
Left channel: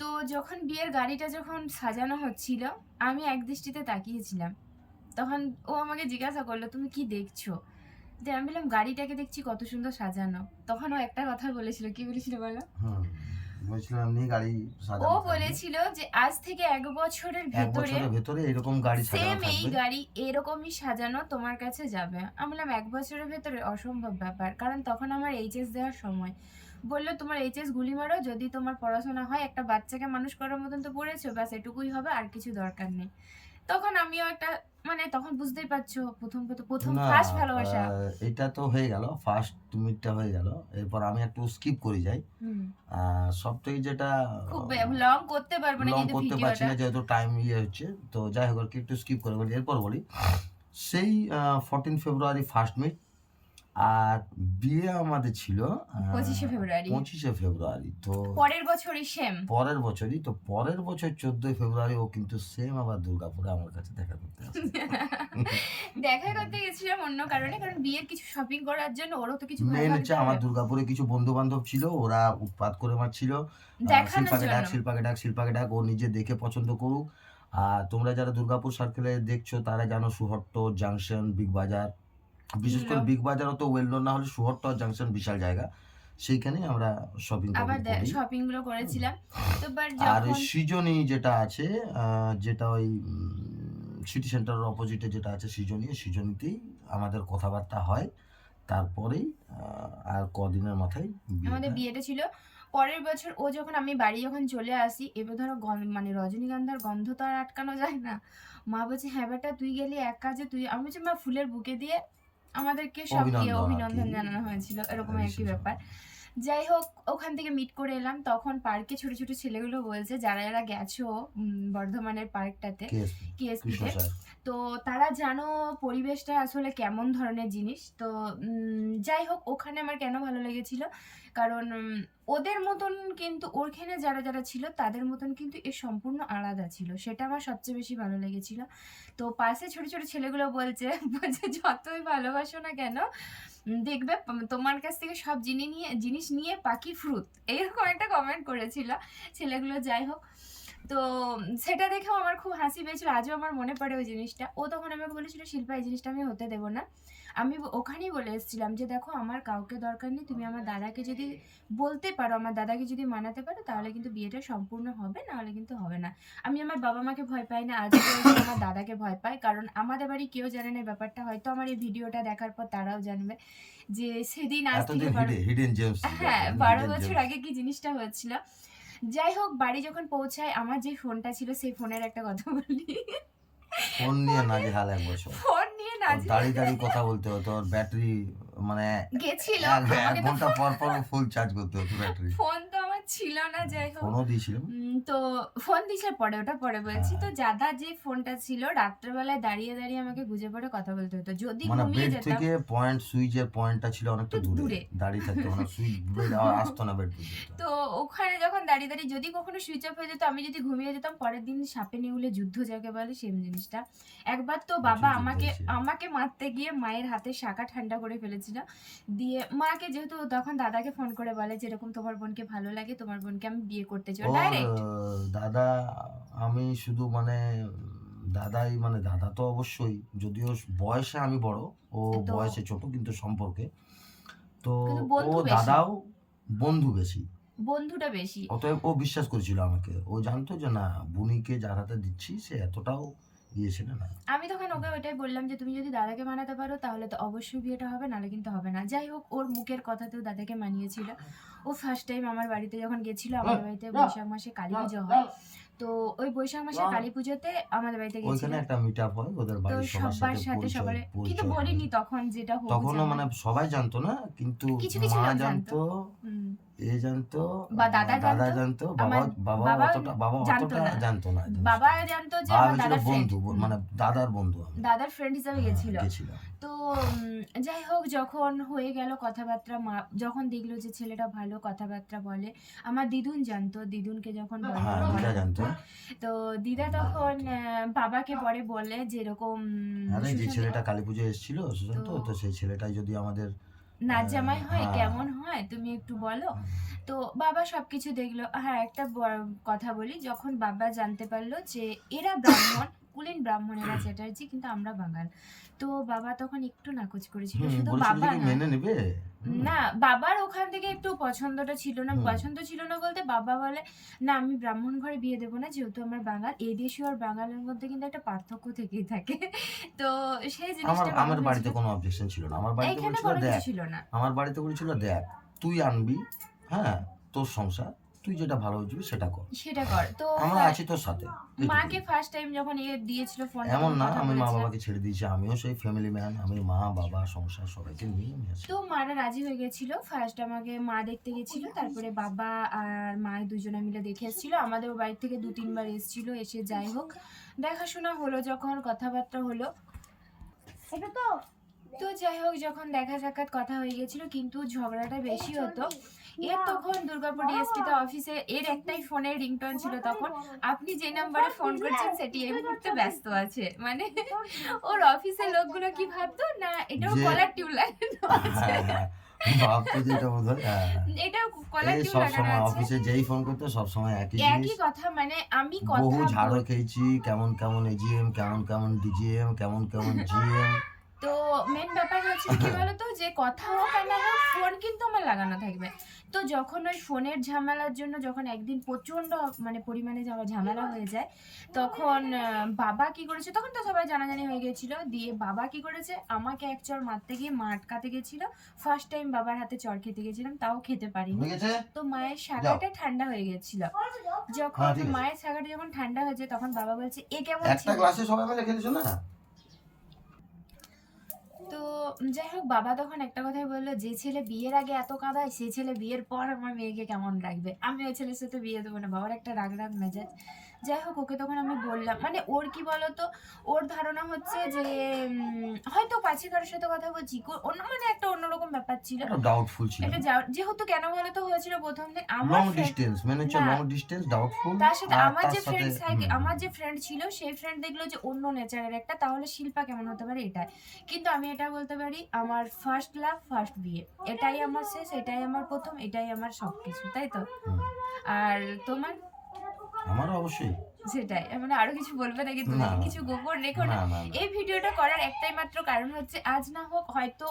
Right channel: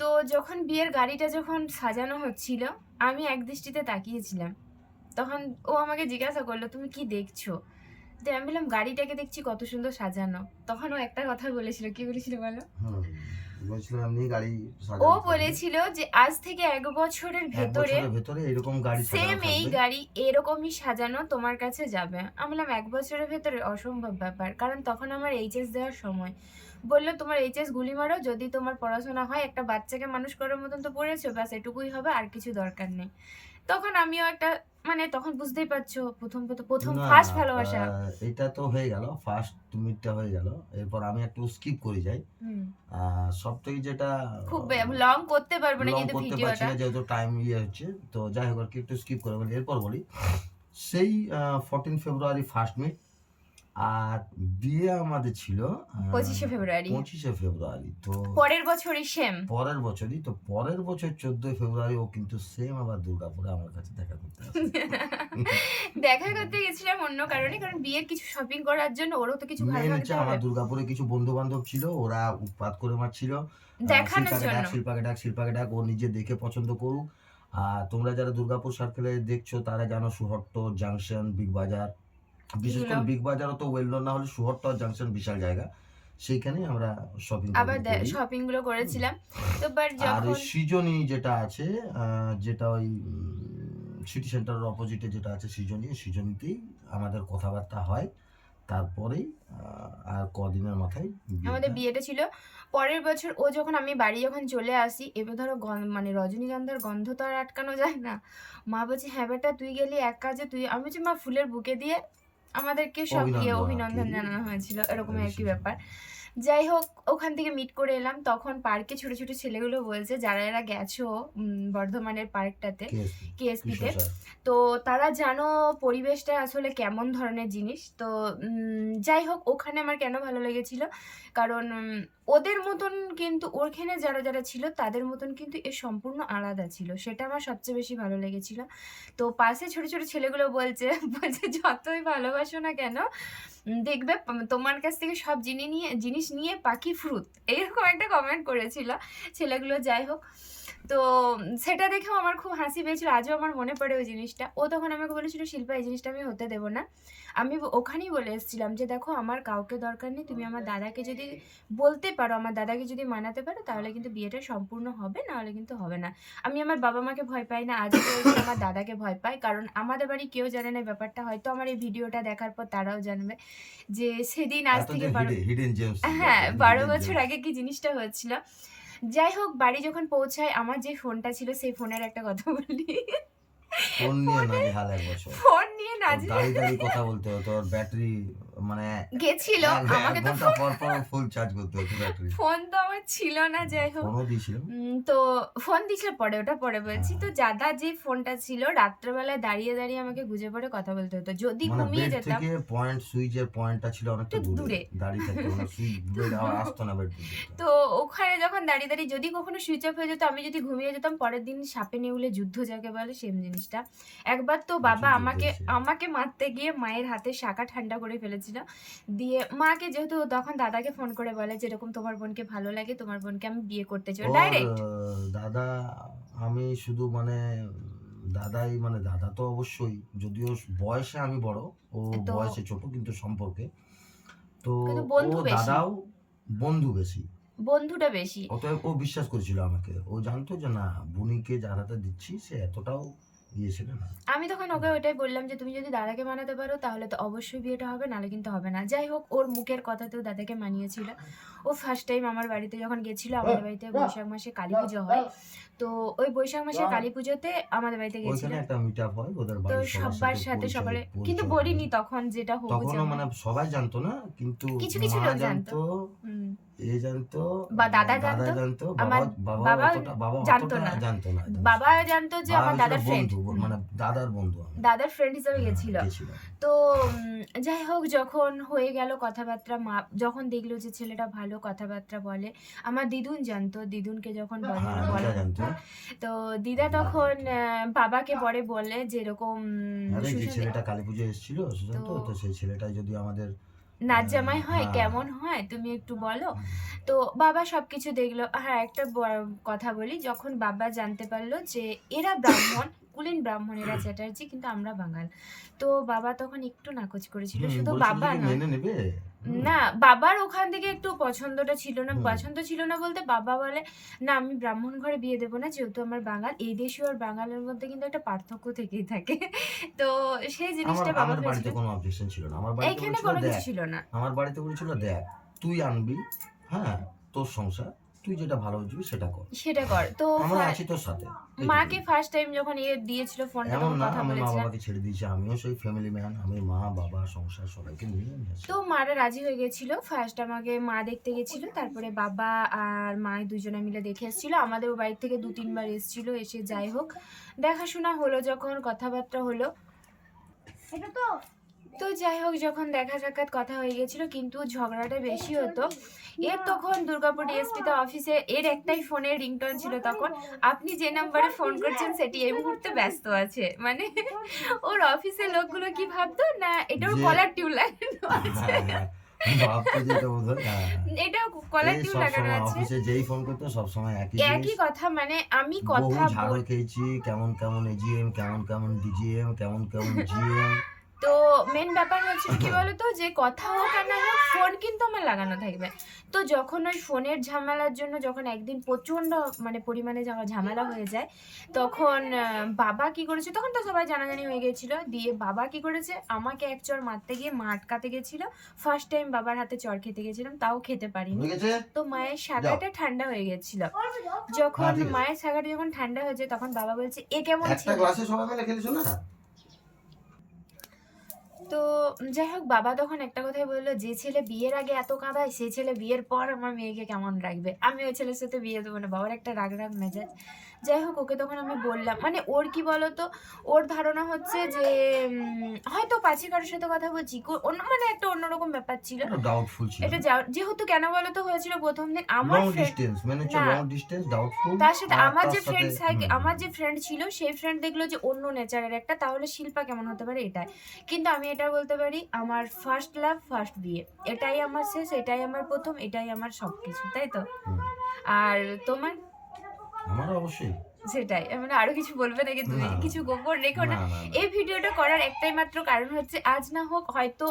তো যখন বিয়ের গাড়িটা যখন সাজানো হচ্ছিল, আমি এক দৃষ্টিতে তাকিয়েছিলাম। তখন ও আমাকে জিজ্ঞাসা করলো তুমি কি দেখছো। তো আমি বললাম গাড়িটাকে দেখছি কত সুন্দর সাজানো। তখন ও একটা কথা বলেছিল, কি বলেছিল বলো? বলছিলাম এমনি গাড়ি ও সাজানো থাকবে। বলেছিল যে আজ থেকে 1 বছরের 1 ভেতরে বছরের ভেতরে এরকম গাড়ি সাজানো সেম এই থাকবে। গাড়ি এরকমই সাজানো তোমার কাছে যাবে। আমি বললাম 1 বছরের ভেতরে অসম্ভব ব্যাপার, কারণ তখন আমার এইচএস দেওয়ার সময়। বললো তোমার এইচএস গুলি মারো, যদি তোমার পড়াশোনা হয়, একটা বাচ্চাকে মানুষ করার মতন তো পড়েছো, ব্যাস এটুকুই হবে, আর কিছু দরকার নেই। তখন আমিও একটা মানে তখন বুঝতেই পারছো, প্রথম না, ফার্স্ট আ ভালোবাসা। এটা তো হয়ে গেল। ফার্স্ট মিটটা হয়ে গেল। এরপর আমি একটু স্কিপ করে যাই। হুম। আ সবথেকে যেটা খুব লং করতে পারবো না লং কিন্তু করতে পারছি ভিডিওটা। না যেহেতু টাইম হচ্ছে। তো যাই হোক আরকি একটু স্কিপ করে বলি। এরপর বলি, সেই 14 ফেব্রুয়ারি ফার্স্ট মিট, আর বিয়ে আমাদের ছিল 25শে ফেব্রুয়ারি 25শে ফেব্রুয়ারি। তো পরের বছরই সেম। পরের বছরই, তো পরের বছর 14ই ফেব্রুয়ারি ও কিন্তু সেম আবার দুর্গাপুরে আমার কাছে দেখা করতে আসে। দেখা করতে গেছিলাম অন্য কারণে, কারণ বিয়ের কিছু শপিং করার জন্য ওরও তো কিছু ভালো মেন লাগতে হচ্ছে হবে আমার দুর্গাপুরে কিছু বন্ধু-বান্ধব ছিল। ওরা উৎপাত করে মারছিল। দেখানোর শিল্পাকে ডাক, জন্য। শিল্পাকে ডাক, শিল্পাকে ডাক। ও নিজে দেখে পছন্দ করুক। আর তোমরা যারা দুর্গাপুর সার্কেলে দেখছো তারা জানো সুহট্ট, জাংশন, বিগ বাজার। বিশেষ করে এগুলো বিগ বাজার অত ওয়েল নোন না হলে সুহট্ট আর জাংশন বিশাল জায়গা। সেইখানেই আমরা শপিং আবার টপিং করি। শপিং গুলো হুম। করেছিলাম। তো বাট আর ওই যখন সৃজনী যেটা আছে, যেটা ওই সিটি সেন্টারের অপোজিটে যেটা আছে সৃজনী, সৃজনীতেই আমাদের কথাবার্তা হয়। তারপরেই আর কদিনের মাথায় আমাদের বিয়েটা। বিয়েটা ছিল পরের বছর। ও যখন আমি বাড়ি যখন চলে আসি, এবার ধরো মানে রজনীগন্ধার গন্ধ তো আর আটকানো যায় না। মা বলছে হ্যাঁ বেটা তুই গেলি এক কাজে, তুই, আমি বলছি মা ফুলের বুকে দিয়ে আমাদেরকে সব ইয়ে অভিনন্দন আরকি। অভিনন্দন জানানো হয়েছিল, এরকম একই রিসেপশন। ব্যাপার। যাই হোক ওখান থেকে মিট করে এলাম, তখন পার্কে ছোট ছোট ছেলেগুলো বলছে যারা এরা গেছো বর্ধমানের পার্কটাতে, কেএসপি, কৃষ্ণ কেএসপিতে, স্যার। তো তারা জানো পরিবেশটা আসলে কেমন ধরনের জিনিস। তো যাই হোক ওখানে আমার কেন ভালো লেগেছিল, কারণ ওদের মতন কিন্তু ওখানে যারা যারা ছিল তাদের মতন কিন্তু এ সম্পূর্ণ আলাদা ছিল, সেটা আমার সবচেয়ে বেশি ভালো লেগেছিল। তো পাশে ছোট ছোট ছেলেগুলো বলছে বলছে যতই ভালোবাসো না কেন দেখবে তোমার কাছ থেকে সব জিনিস নিয়ে পাখি ফ্রুত, এইরকম একটা কমেন্ট করেছিল ছেলেগুলো। যাই হোক, তো সেটা দেখেও আমার খুব হাসি পেয়েছিল, আজও আমার মনে পড়ে ওই জিনিসটা। ও তখন আমাকে বলেছিল শিল্পা এই জিনিসটা আমি হতে দেবো না। আমি ওখানেই বলে এসেছিলাম যে দেখো আমার কাউকে দরকার নেই, তুমি আমার দাদাকে যদি বলতে পারো, আমার দাদাকে যদি মানাতে পারো, তাহলে কিন্তু বিয়েটা সম্পূর্ণ হবে, নাহলে কিন্তু হবে না। আমি আমার বাবা মাকে ভয় পাই না, আজও বলছি আমার দাদাকে ভয় পাই, কারণ আমাদের বাড়ি কেউ জানে না এই ব্যাপারটা, হয়তো আমার এই ভিডিওটা দেখার পর তারাও জানবে যে সেদিন আজ এত থেকে যে হিডেন জেমস, হ্যাঁ 12 বছর আগে কি জিনিসটা হচ্ছিল। যাই হোক বাড়ি যখন পৌঁছায়, আমার যে ফোনটা ছিল সেই ফোনের একটা কথা বলি। ফোন নিয়ে নাজেহাল 1 বছর। ফোন নিয়ে ওর দাঁড়িয়ে কথা বলতে হতো। ওর ব্যাটারি মানে গেছিল, ১ আমাকে তো ঘন্টা পর ফুল চার্জ করতে হতো ব্যাটারি। ফোন তো আমার ছিল না। যাই হোক ফোনও দিয়েছিলাম। তো ফোন দিছিল পরে, ওটা পরে বলছি। হ্যাঁ, তো দাদা যে ফোনটা ছিল রাত্রেবেলায় দাঁড়িয়ে দাঁড়িয়ে আমাকে গুজে পড়ে কথা বলতে হতো, যদি মানে ঘুমিয়ে বেড যেতাম থেকে সুইচের পয়েন্টটা ছিল অনেকটা একটু দূরে। দূরে। দাঁড়িয়ে থাকতে মানে সুইচ বেড আসতো না বেড পর্যন্ত। তো ওখানে যখন দাঁড়িয়ে দাঁড়িয়ে যদি কখনো সুইচ অফ হয়ে যেত, আমি যদি ঘুমিয়ে যেতাম, পরের দিন সাপে নেউলে যুদ্ধ যাকে বলে সেম জিনিসটা। একবার তো বাবা প্রচুর যুদ্ধ আমাকে হয়েছে। আমাকে মারতে গিয়ে মায়ের হাতে শাঁখা ঠান্ডা করে ফেলেছিল। দিয়ে মাকে যেহেতু তখন দাদাকে ফোন করে বলে যে এরকম তোমার বোনকে ভালো লাগে, তোমার বোনকে আমি বিয়ে করতে চাই ওর ডাইরেক্ট। দাদা, আমি শুধু মানে দাদাই, মানে দাদা তো অবশ্যই, যদিও বয়সে আমি বড়, ও তো বয়সে ছোট কিন্তু সম্পর্কে। তো কিন্তু ও বন্ধু বেশি, দাদাও বন্ধু বেশি। বন্ধুটা বেশি। অতএব ও বিশ্বাস করেছিল আমাকে। ও জানতো যে না, বুনিকে যার হাতে দিচ্ছি সে এতটাও ছিল না। আমি তখন ওকে ওইটাই বললাম যে তুমি যদি দাদাকে মানাতে পারো তাহলে তো অবশ্যই বিয়েটা হবে, নাহলে কিন্তু হবে না। যাই হোক ওর মুখের কথাতেও দাদাকে মানিয়েছিল। ও ফার্স্ট টাইম আমার বাড়িতে যখন গেছিল, আমাদের বাড়িতে বৈশাখ মাসে কালী পুজো হয়, তো ওই বৈশাখ মাসের কালী পুজোতে আমাদের বাড়িতে গেছিল। ওইখানে একটা মিট আপ হয় ওদের তো বাড়ির সবার সবার সাথে সকালে, কিন্তু পরিচয় হয়। বলিনি তখন যেটা হবু তখনও জামাই। মানে সবাই জানতো না, কিন্তু কিছু কিছু মা লোক জানতো। জানতো, হুম। এ জানতো, বা দাদা দাদা জানতো, জানতো, আমার বাবা বাবা জানতো অতটা না। জানতো না। বাবা জানতো যে বাবা আমার হয়েছিল দাদার ফ্রেন্ড, বন্ধু, মানে দাদার বন্ধু আমি। দাদার ফ্রেন্ড হিসাবে গেছিল। গেছিলাম। তো যাই হোক যখন হয়ে গেল কথাবার্তা, মা যখন দেখলো যে ছেলেটা ভালো কথাবার্তা বলে, আমার দিদুন জানতো, দিদুনকে যখন হ্যাঁ, দিদা বলে জানতো। তো দিদা তখন বাবাকে পরে বলে যে এরকম আরে যে সুশান্ত ছেলেটা কালী পুজোয় এসেছিল সুশান্ত, তো তো সেই ছেলেটাই যদি আমাদের নাচ জামাই হয়, হ্যাঁ, কেমন হয় তুমি একটু বলো। তো বাবা সবকিছু দেখলো। হ্যাঁ একটা কথা বলি, যখন বাবা জানতে পারলো যে এরা ব্রাহ্মণ, কুলীন ব্রাহ্মণেরা চ্যাটার্জি, কিন্তু আমরা বাঙাল। তো বাবা তখন একটু নাকচ করেছিল, শুধু বলেছিল বাবা যে নয়, মেনে নেবে। না বাবার ওখান থেকে একটু পছন্দটা ছিল না। হুম। পছন্দ ছিল না বলতে বাবা বলে, "না আমি ব্রাহ্মণ ঘরে বিয়ে দেব না, যেহেতু আমার বাঙাল।" এই দেশীয় আর বাঙালের মধ্যে কিন্তু একটা পার্থক্য থেকেই থাকে। তো সেই জিনিসটা বাবা আমার বাড়িতে ভেবেছিল, কোনো অবজেকশন ছিল না। আমার বাড়িতে এইখানে বলেছিল কোনো কিছু দেখ, ছিল না। আমার বাড়িতে বলেছিল দেখ, তুই আনবি, হ্যাঁ, তোর সংসার, তুই যেটা ভালো বুঝবি সেটা কর। সেটা কর। তো আমরা আছি তোর সাথে। মাকে এইটুকুই। ফার্স্ট টাইম যখন দিয়েছিল ফোনটা, এমন তখন না কথা আমি মা বলেছিলাম। বাবাকে ছেড়ে দিয়েছি। আমিও সেই ফ্যামিলি ম্যান। আমি মা, বাবা, সংসার সবাইকে নিয়ে আমি আছি। তো মারা রাজি হয়ে গেছিল। ফার্স্ট আমাকে মা দেখতে গেছিল। তারপরে বাবা আর মা দুজনে মিলে দেখে এসেছিল। আমাদের বাড়ি থেকে ২-৩ বার এসেছিল। এসে যাই হোক দেখাশোনা হলো, যখন কথাবার্তা হলো। তো যাই হোক যখন দেখা সাক্ষাৎ কথা হয়ে গেছিল, কিন্তু ঝগড়াটা বেশি হতো। এর তখন দুর্গাপুর ডিএসপিতে অফিসে এর একটাই ফোনের রিংটোন ছিল তখন, আপনি যে নাম্বারে ফোন করছেন সেটি এই মুহূর্তে ব্যস্ত আছে। মানে ওর অফিসের লোকগুলো কি ভাবতো না এটা ওর যে কলার টিউন লাগানো আছে। হ্যাঁ, হ্যাঁ। ভাবতো যে এটা বোধহয় এটা কলার এই টিউন লাগানো সবসময় আছে। অফিসে যেই ফোন করতো সবসময় একই জিনিস। একই কথা, মানে আমি বহু কথা ঝাড়ও খেয়েছি, কেমন কেমন এজিএম, কেমন কেমন ডিজিএম, কেমন কেমন জিএম। তো মেন ব্যাপার হচ্ছিল কি বলতো, যে কথা হোক আর না হোক ফোন কিন্তু আমার লাগানো থাকবে। তো যখন ওই ফোনের ঝামেলার জন্য যখন একদিন প্রচণ্ড মানে পরিমাণে ঝামেলা হয়ে যায়, তখন বাবা কি করেছে, তখন তো সবাই জানাজানি হয়ে গেছিল। দিয়ে বাবা কি করেছে, আমাকে এক চড় মারতে গিয়ে মা আটকাতে গেছিল। ফার্স্ট টাইম বাবার হাতে চড় খেতে গেছিলাম, তাও খেতে পারিনি। হয়ে গেছে? তো মায়ের শাখাটা ঠান্ডা হয়ে গেছিল। যখন হ্যাঁ, ঠিক আছে। মায়ের শাখাটা যখন ঠান্ডা হয়েছে, তখন বাবা বলছে এ কেমন একটা ছিল। ক্লাসে সবাই মিলে খেলেছো না? তো যাই হোক বাবা তখন একটা কথাই বললো, যে ছেলে বিয়ের আগে এত কাঁদায় সেই ছেলে বিয়ের পর আমার মেয়েকে কেমন রাখবে, আমি ওই ছেলের সাথে বিয়ে দেবো না। বাবার একটা রাগ রাগ মেজাজ। যাই হোক ওকে তখন আমি বললাম, মানে ওর কি বলতো, ওর ধারণা হচ্ছে যে হয়তো পাশে কারোর সাথে কথা বলছি, অন্য মানে একটা অন্যরকম ব্যাপার ছিল। একটু ডাউটফুল ছিল। এটা যেহেতু কেন বলতো হয়েছিল, প্রথম দিন আমার লং friend- ডিস্টেন্স, মানে হচ্ছে না, লং ডিস্টেন্স, ডাউটফুল। তার সাথে আর আমার তার যে সাথে আমার যে ফ্রেন্ড ছিল সেই ফ্রেন্ড দেখলো যে অন্য নেচারের একটা, তাহলে শিল্পা কেমন হতে পারে এটাই। কিন্তু আমি এটা বলতে পারি, আমার ফার্স্ট লাভ ফার্স্ট বিয়ে, এটাই আমার শেষ, এটাই আমার প্রথম, এটাই আমার সবকিছু, তাই তো। আর তোমার? আমার অবশ্যই সেটাই, মানে আরো কিছু বলবে নাকি তুমি? না, না, কিছু গোপন রেখো না। না, না, না। এই ভিডিওটা করার একটাই মাত্র কারণ হচ্ছে, আজ না হোক হয়তো,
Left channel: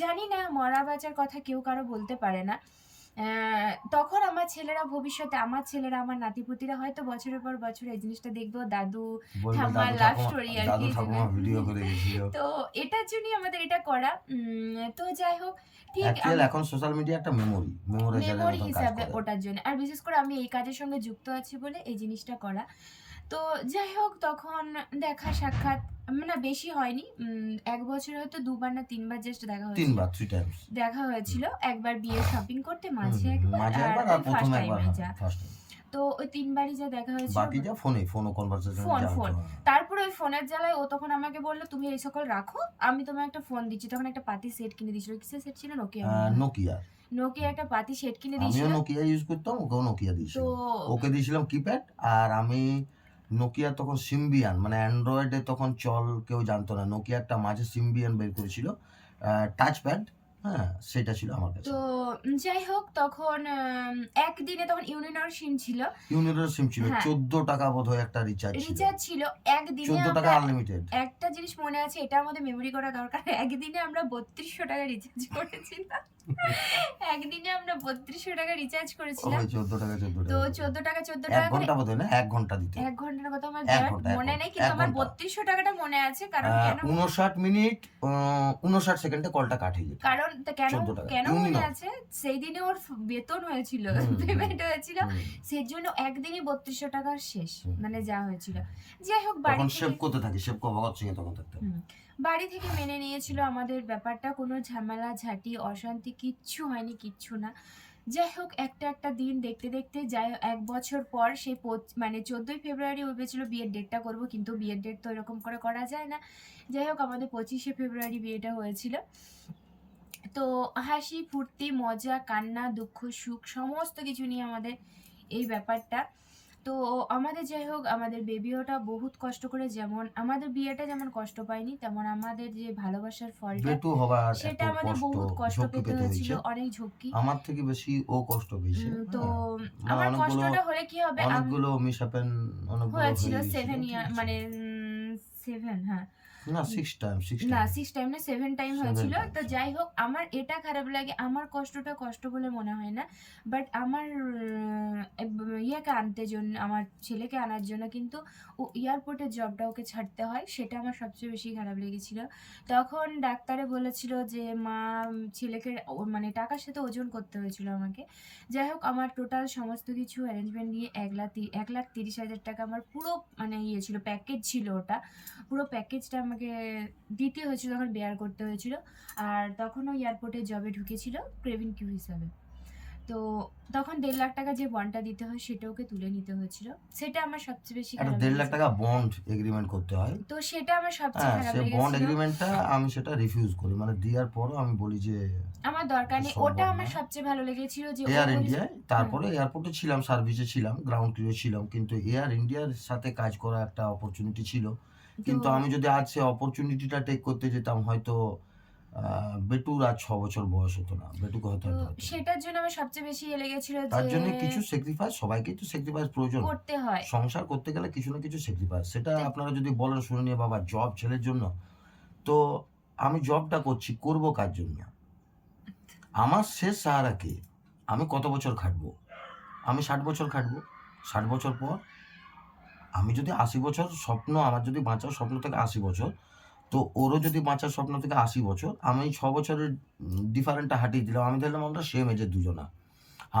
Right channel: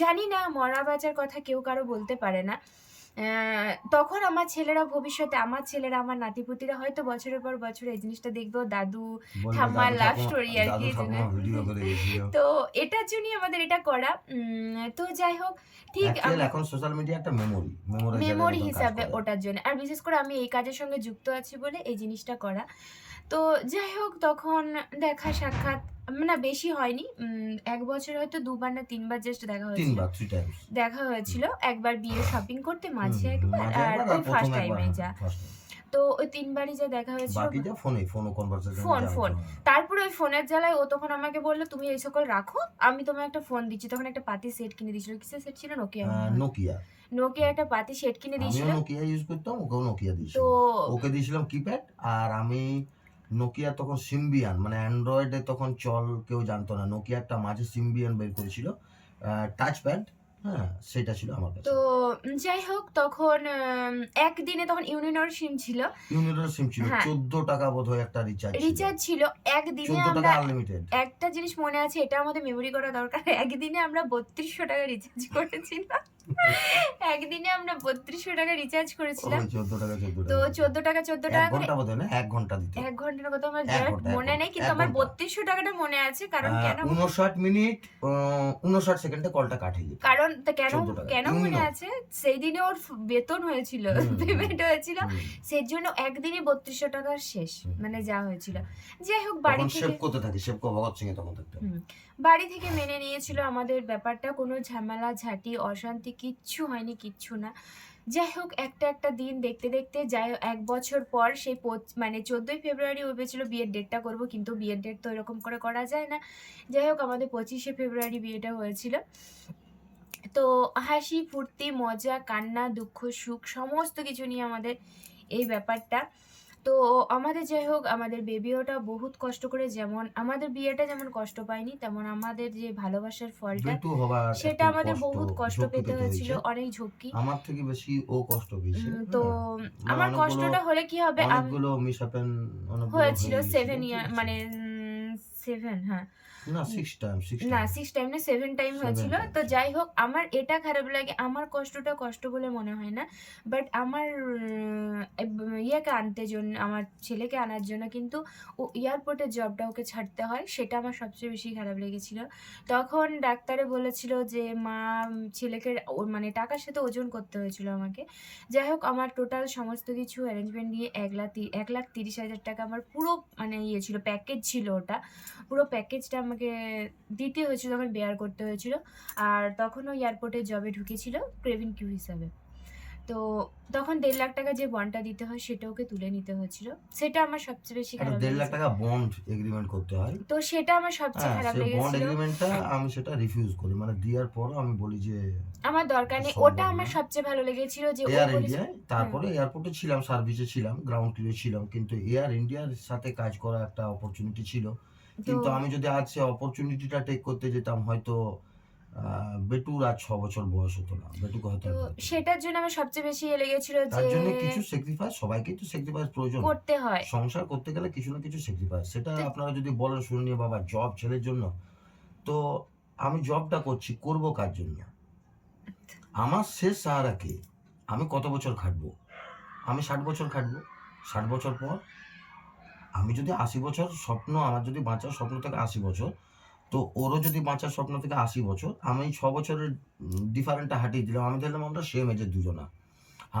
জানি না, মরা বাঁচার কথা কেউ কারো বলতে পারে না। তখন আমার ছেলেরা ভবিষ্যতে, আমার ছেলেরা, আমার নাতিপুতিরা হয়তো বছরের পর বছর এই জিনিসটা দেখবো, দাদু বলবে ঠাম্মার দাদু লাভ ঠাকুমা, স্টোরি আর দাদু কি। ঠাকুমা ভিডিও করে গেছিল। তো এটার জন্যই আমাদের এটা করা। তো যাই হোক ঠিক অ্যাকচুয়ালি এখন সোশ্যাল মিডিয়া একটা মেমোরি মেমোরি হিসাবে ওটার জন্য, আর বিশেষ করে আমি এই কাজের সঙ্গে যুক্ত আছি বলে এই জিনিসটা করা। তো যাই হোক তখন দেখা সাক্ষাৎ না বেশি হয়নি, ১ বছরে হয়তো ২ বার না ৩ বার জাস্ট দেখা হয়েছিল। 3 বার 3 টাইমস। দেখা হয়েছিল একবার বিয়ে শপিং করতে, মাঝে একবার, মাঝে আর একবার, আর ওই প্রথম ফার্স্ট একবার। টাইমে যা। First time. তো ওই ৩ বারই যা দেখা হয়েছিল। বাকি যা ফোন ও কনভারসেশন ফোন। তারপরে ওই ফোনের জ্বালায় ও তখন আমাকে বললো, তুমি এই সকল রাখো, আমি তোমায় একটা ফোন দিচ্ছি। তখন একটা পাতি সেট কিনে দিয়েছিল। কিসের সেট ছিল? নোকিয়া। নোকিয়া একটা পাতি সেট কিনে আমিও দিয়েছিল। নোকিয়া ইউজ করতাম, ওকেও নোকিয়া তো দিয়েছিল। ওকে দিয়েছিলাম কিপ্যাড, আর আমি নোকিয়া তখন সিম্বিয়ান, মানে অ্যান্ড্রয়েডে তখন চল কেউ জানতো না। নোকিয়া একটা মাঝে সিম্বিয়ান বের করেছিল, টাচ প্যাড, হ্যাঁ সেটা ছিল আমার কাছে। তো যাই হোক তখন একদিনে তখন ইউনিনর সিম ছিল। ইউনিটের সিম ছিল, হ্যাঁ। 14 টাকা বোধহয় একটা রিচার্জ ছিল। একদিনে 14 টাকা আমরা আনলিমিটেড। একটা জিনিস মনে আছে, এটা আমাদের মেমোরি করা দরকার। একদিনে আমরা ৩২০০ টাকা রিচার্জ করেছিলাম। একদিনে আমরা ৩২০০ টাকা রিচার্জ করেছিলাম। ওই 14 টাকা 14 তো টাকা। ১৪ টাকা ১৪ এক টাকা করে ঘন্টা বোধহয় না, 1 ঘন্টা দিত। ১ ঘন্টার কথা আমার 1 exact ঘন্টা, 1 মনে নেই, ঘন্টা, কিন্তু 1 আমার ঘন্টা। ৩২০০ টাকাটা মনে আছে। কারণ কেন 59 মিনিট 59 সেকেন্ডে কলটা কাট হয়ে যেত। কারণ কেন 14 টাকা। কেন মনে ইউনিনো। আছে, সেই দিনে ওর বেতন হয়েছিল, পেমেন্ট হয়েছিল, সেই জন্য একদিনই ৩২০০ টাকা শেষ, মানে যা হয়েছিল। যাই হোক বাড়ি তখন থেকে সেভ করতে থাকি, সেভ কো ভগৎ সিং এ তখন থাকতো। বাড়ি থেকে মেনে নিয়েছিল আমাদের ব্যাপারটা, কোনো ঝামেলা ঝাঁটি অশান্তি কিচ্ছু হয়নি, কিচ্ছু না। যাই হোক একটা দিন দেখতে দেখতে, যাই হোক ১ বছর পর সেই মানে ১৪ই ফেব্রুয়ারি ভেবেছিল বিয়ের ডেটটা করব, কিন্তু বিয়ের ডেট তো এরকম করে করা যায় না। যাই হোক আমাদের ২৫শে ফেব্রুয়ারি বিয়েটা হয়েছিল। তো হাসি ফুর্তি মজা কান্না দুঃখ সুখ সমস্ত কিছু নিয়ে আমাদের এই ব্যাপারটা। তো আমাদের যাই হোক আমাদের বেবিওটা বহুত কষ্ট করে, যেমন আমাদের বিয়েটা যেমন কষ্ট পায়নি, তেমন আমাদের যে ভালোবাসার ফলটা বেটু হবার সেটা এত আমাদের বহুত কষ্ট ঝক্কি পেতে হয়েছিল, হয়েছে। অনেক ঝক্কি। আমার থেকে বেশি ও কষ্ট পেয়েছে। তো আমার অনেকগুলো কষ্টটা হলে কি হবে, অনেকগুলো মিস হ্যাপেন হয়েছিল হয়ে 7 গেছিল, ইয়ার ঠিক আছে। মানে 7, হ্যাঁ না 6 টাইম 6 না টাইম 6 টাইম না 7 টাইম 7 হয়েছিল। টাইমস তো যাই হোক আমার এটা খারাপ লাগে। আমার কষ্টটা কষ্ট বলে মনে হয় না। বাট আমার ইয়াকে আনতে জন্য আমার ছেলেকে আনার জন্য কিন্তু ও এয়ারপোর্টের জবটা ওকে ছাড়তে হয়। সেটা আমার সবচেয়ে বেশি খারাপ লেগেছিল। তখন ডাক্তারে বলেছিল যে মা ছেলেকে মানে টাকার সাথে ওজন করতে হয়েছিল আমাকে। যাই হোক আমার টোটাল সমস্ত কিছু অ্যারেঞ্জমেন্ট নিয়ে 1,30,000 টাকা আমার পুরো মানে ইয়ে ছিল, প্যাকেজ ছিল ওটা। পুরো প্যাকেজটা আমাকে দিতে হয়েছিল, তখন বেয়ার করতে হয়েছিল। আর তখনও এয়ারপোর্টে জবে ঢুকেছিল ক্রেভিন কিউ হিসাবে। তো তখন 1.5 লাখ টাকা যে বন্ডটা দিতে হয় সেটা ওকে তুলে নিতে হয়েছিল। সেটা আমার সবচেয়ে বেশি একটা খারাপ 1.5 লাখ লেগেছে। টাকা বন্ড এগ্রিমেন্ট করতে হয়। তো সেটা আমার সবচেয়ে হ্যাঁ, খারাপ সে বন্ড লেগেছিল। এগ্রিমেন্টটা আমি সেটা রিফিউজ করি। মানে দেওয়ার পরও আমি বলি যে আমার দরকার নেই। সম্ভব ওটা না। আমার সবচেয়ে ভালো লেগেছিল যে ও এয়ার বলেছিল ইন্ডিয়ায়, তারপরে এয়ারপোর্টে ছিলাম, সার্ভিসে ছিলাম, গ্রাউন্ড ক্রিউ ছিলাম, কিন্তু এয়ার ইন্ডিয়ার সাথে কাজ করা একটা অপরচুনিটি ছিল। তো কিন্তু আমি যদি আজ সে অপরচুনিটিটা টেক করতে যেতাম হয়তো বেটুর আজ 6 বছর বয়স হতো না, বেটুকে হয়তো তো আমি ধরতে পারতাম। সেটার জন্য আমার সবচেয়ে বেশি ইয়ে লেগেছিল তার যে জন্য কিছু স্যাক্রিফাইস, সবাইকেই তো স্যাক্রিফাইস প্রয়োজন। করতে হয়। সংসার করতে গেলে কিছু না কিছু স্যাক্রিফাইস, সেটা তো আপনারা যদি বলেন শুনে নিয়ে বাবা জব ছেলের জন্য, তো আমি জবটা করছি, করব কার জন্য? আমার শেষ সাহারা কে? আমি কত বছর খাটবো? আমি 60 বছর খাটবো। 60 বছর পর আমি যদি 80 বছর স্বপ্ন, আমার যদি বাঁচার স্বপ্ন থাকে 80 বছর, তো ওরও যদি বাঁচার স্বপ্ন থেকে 80 বছর, আমি 6 বছরের ডিফারেন্টটা হাটিয়ে দিলাম। আমি ধরলাম আমরা সেম এজের দুজনা।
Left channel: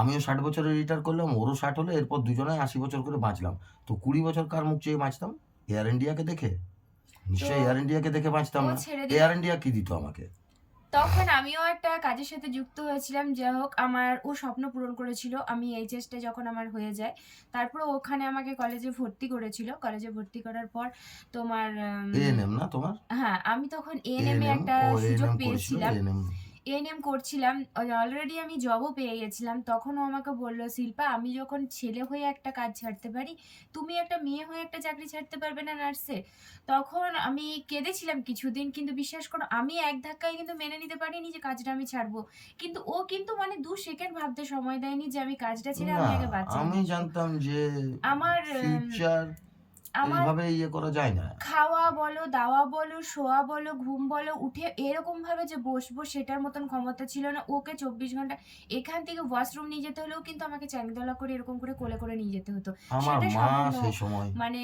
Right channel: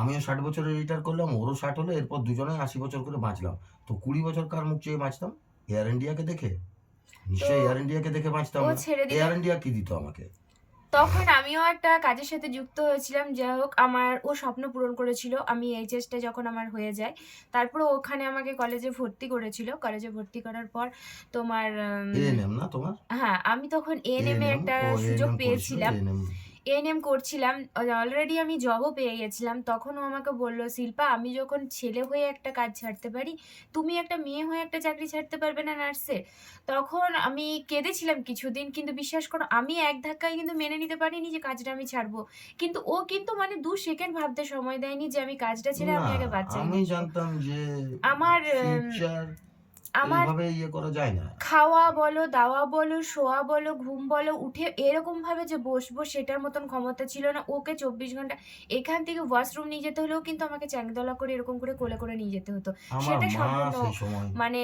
আমিও 60 বছরে রিটায়ার করলাম, ওরও 60 হলো, এরপর দুজনেই 80 বছর করে বাঁচলাম। তো 20 বছর কার মুখ চেয়ে বাঁচতাম? এয়ার ইন্ডিয়াকে দেখে? তো নিশ্চয়ই এয়ার ইন্ডিয়াকে দেখে বাঁচতাম ও না। ছেড়ে দিল। এয়ার ইন্ডিয়া কি দিত আমাকে? তখন আমিও একটা কাজের সাথে যুক্ত হয়েছিলাম। যাই হোক আমার ও স্বপ্ন পূরণ করেছিল। আমি এইচএসটা যখন আমার হয়ে যায়, তারপরে ওখানে আমাকে কলেজে ভর্তি করেছিল। কলেজে ভর্তি করার পর তোমার এএনএম না তোমার? হ্যাঁ, আমি তখন এএনএম এ এএনএম, একটা ও সুযোগ এএনএম করেছিল, পেয়েছিলাম। এএনএম। এএনএম করছিলাম। অলরেডি আমি জবও পেয়ে গেছিলাম। তখন ও আমাকে বলল, "শিল্পা আমি যখন ছেলে হয়ে একটা কাজ ছাড়তে পারি, তুমি একটা মেয়ে হয়ে একটা চাকরি ছাড়তে পারবে না নার্সের?" তখন আমি কেঁদেছিলাম কিছুদিন। কিন্তু বিশ্বাস করো আমি এক ধাক্কায় কিন্তু মেনে নিতে পারিনি যে কাজটা আমি ছাড়বো। কিন্তু ও কিন্তু মানে 2 সেকেন্ড ভাবতে সময় দেয়নি যে আমি কাজটা ছেড়ে না, আমি আগে বাচ্চা আমি নিয়ে আসবো। জানতাম যে আমার ফিউচার আমার এইভাবে ইয়ে করা যায় না। খাওয়া বলো, দাওয়া বলো, শোয়া বলো, ঘুম বলো, উঠে এরকমভাবে যে বসবো সেটার মতন ক্ষমতা ছিল না। ওকে 24 ঘন্টা এখান থেকে ওয়াশরুম নিয়ে যেতে হলেও কিন্তু আমাকে চ্যাংদোলা করে এরকম করে কোলে করে নিয়ে যেতে হতো। আমার সেটা মা সম্পূর্ণ সেই সময় মানে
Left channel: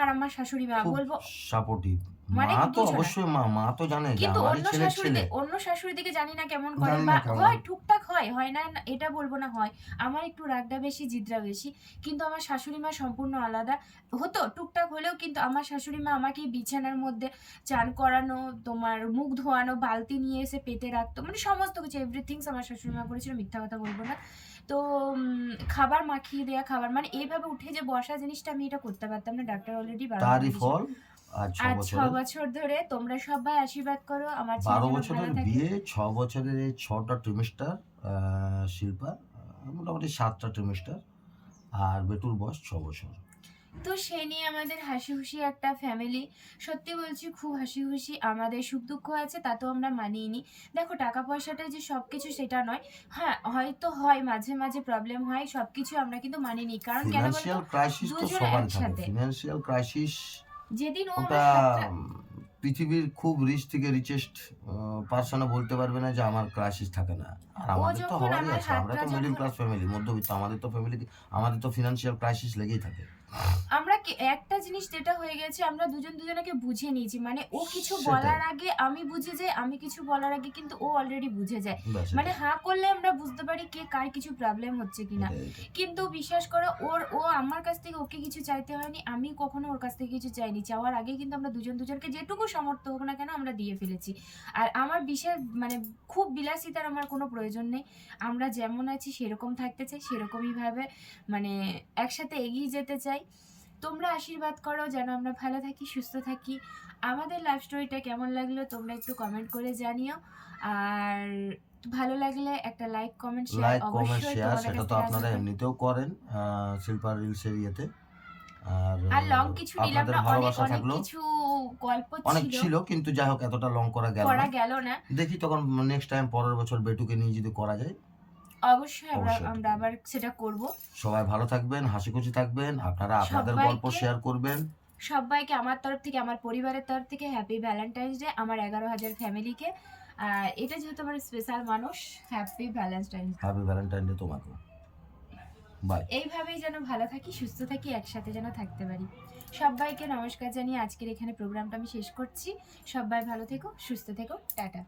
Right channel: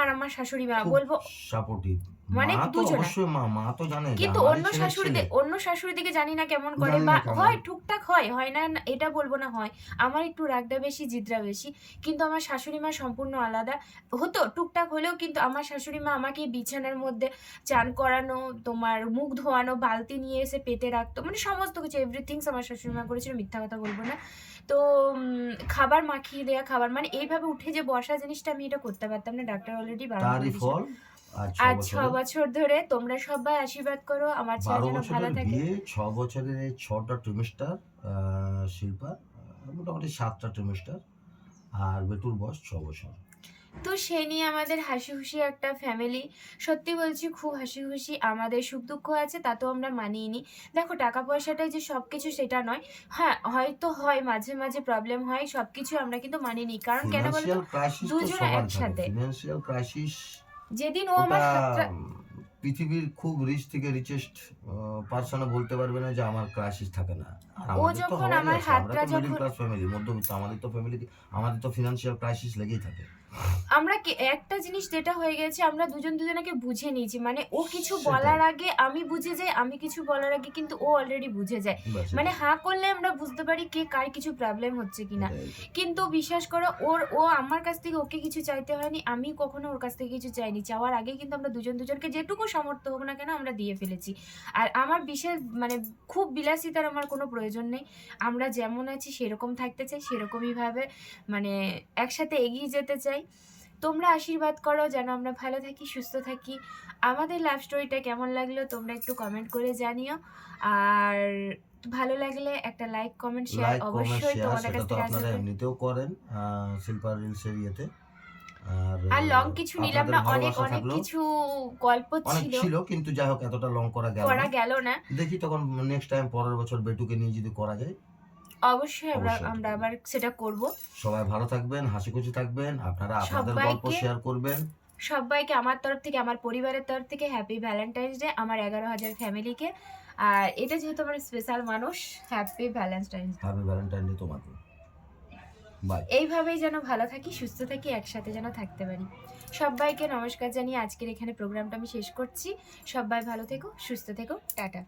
আর আমার শাশুড়ি মা খুব বলবো সাপোর্টিভ। মানে মা তো দুজনা। অবশ্যই মা তো জানে যে কিন্তু আমারই ছেলের ছেলে। অন্য শাশুড়িদিকে জানি না কেমন করে জানি বা না কেমন। হয় টুকটাক হয়, হয় না এটা বলব না হয়। আমার একটু রাগটা বেশি, জিদটা বেশি। কিন্তু আমার শাশুড়ি মা সম্পূর্ণ আলাদা। হতো টুকটাক হলেও কিন্তু আমার শাশুড়ি মা আমাকে বিছানার মধ্যে চান করানো, তোমার মুখ ধোয়ানো, বালতি নিয়ে এসে পেতে রাখতো। মানে সমস্ত কিছু এভরিথিংস আমার শাশুড়ি মা করেছিল, মিথ্যা কথা বলব না। তো খাবার মাখিয়ে দেয়া, খাবার মানে এইভাবে উঠে যে বসা জিনিসটা আমি এটা করতে পারতাম না। ডাক্তার অলরেডি বারণ করে তারই দিয়েছিল। ফল আজ 6 আজ 6 বছরের, বছর ধরে তোমরা সবাই আশীর্বাদ করো আমার ছেলে 12 যেন ভালো বছরের থাকে। বিয়ে, 6 বছরের এই 6টা ট্রিমেস্টার, শিল্পার মোটামুটি 7টা ট্রিমেস্টার, আর বেটুর বয়স 6 বছর। তো সেই নিয়ে আমাদের হাসি-খুশি একটা ফ্যামিলি। সত্যি বলছি খুব হাসি-খুশি। আমাদের সুখ-দুঃখ আছে তাতেও আমরা মানিয়ে নিই। দেখো টাকা পয়সাটাই যে সবকিছু সেটা নয়। হ্যাঁ, হয়তো হয় মাঝে, মাঝে প্রবলেম হয়। সবকিছু আমরা কিন্তু মানিয়ে নিই। কারণ কেন বলো তো? ফিনান্সিয়াল ক্রাইসিস তো দুজনে সবার থাকে। একসাথে। ফিনান্সিয়াল ক্রাইসিস যেদিন ও ওটা আমার হাতটা পৃথিবীর খুব রিচ থেকে রিচেস্ট পার্সনও বলতে পারবে না যে আমার ক্রাইসিস থাকে না। আর ও আমাদের তো যখন হওয়ারই আমার আছে। আমরা হাতটা তো মিডল যখন ক্লাস ফ্যামিলি, মধ্যবিত্ত। আমাদের তো ফ্যামিলি, আমাদের তো ফিনান্সিয়াল ক্রাইসিস লেগেই থাকে। আমরা একটা জিনিস যেটা হয়ে গেছে আমরা দুজনাকে বুঝে নিয়েছি। মানে ও কিছু সেটাই। বলার আগে আমি বুঝে যাই, আমি কিছু বলার আগে কিন্তু ও অলরেডি বুঝে যায়। ব্যাস মানে এটাই। হাঁ করলে আমরা বুঝতে পারি কে কার কিছু প্রবলেম হচ্ছে কিনা। এটাই। কিন্তু বিশ্বাস করো ও আমার কাছ থেকে ওকে কিছু চাইতে হয়নি। আমি কখনো ওর কাছ থেকে কিছু চাইনি। চাওয়ার আগেই কিন্তু আমরা দুজনকে যেটুকু সামর্থ্য হোক না কেন আমরা দিয়ে ফেলেছি। আর আমার বিশেষ মানে খুব বিলাসিতার আমার কোনো প্রয়োজন নেই। আমরা যেমন আছি সেরকম থাকতে চাই, সেরকমই ভাবে মানে একসাথে এগিয়ে যেতে চাই। তোমরা আশীর্বাদ করো যেন আমরা ভালো থাকি, সুস্থ থাকি। আমাদের লাভ স্টোরিটা কেমন লাগলো তোমরা একটু কমেন্ট করে জানিও। আর ভালো লাগলে একটা like, comment, share like, comment, অবশ্যই শেয়ার তোমাদের সেটা কাছ তো থেকে আপনারা আসবে। এমনিতেও করেন শিল্পা রিলসের ইয়েতে। আর আর লং কিছু নিলাম আপনাদের না, অনেক ভালোবাসা অনেক থাকলো। কিছু গল্প অনেক ছিল, ছিল কিন্তু যাই হোক এতটা লং করা গেল করা না। গেল না। দেখি তখন নেক্সট টাইম পরের বছর বেটুকে নিয়ে যদি করা যায় অবশ্যই অবশ্যই আমরা আবার সেটা করব। সবাই ভালো থাকবেন, হাসি খুশি থাকবেন, আপনারা আপনাদের গল্প সবাইকে শেয়ার করবেন। সবাইকে আমার তরফ থেকে, আমার পরিবারের তরফ থেকে হ্যাপি ভ্যালেন্টাইন্স ডে আমার 11,000 ফ্যামিলিকে। আর এটা যেহেতু আমার স্পেশাল মানুষ, happy Valentine's day. Happy Valentine day তোমাকেও। বাই। এইভাবেই যেন ভালো থাকি, সুস্থ থাকি, একসাথে যেন থাকতে পারি। সবাইকে নমস্কার জানিয়ে আজকের এখানে প্রোগ্রামটা আমি শেষ করছি। সবাই ভালো থেকো, সুস্থ থেকো, টাটা।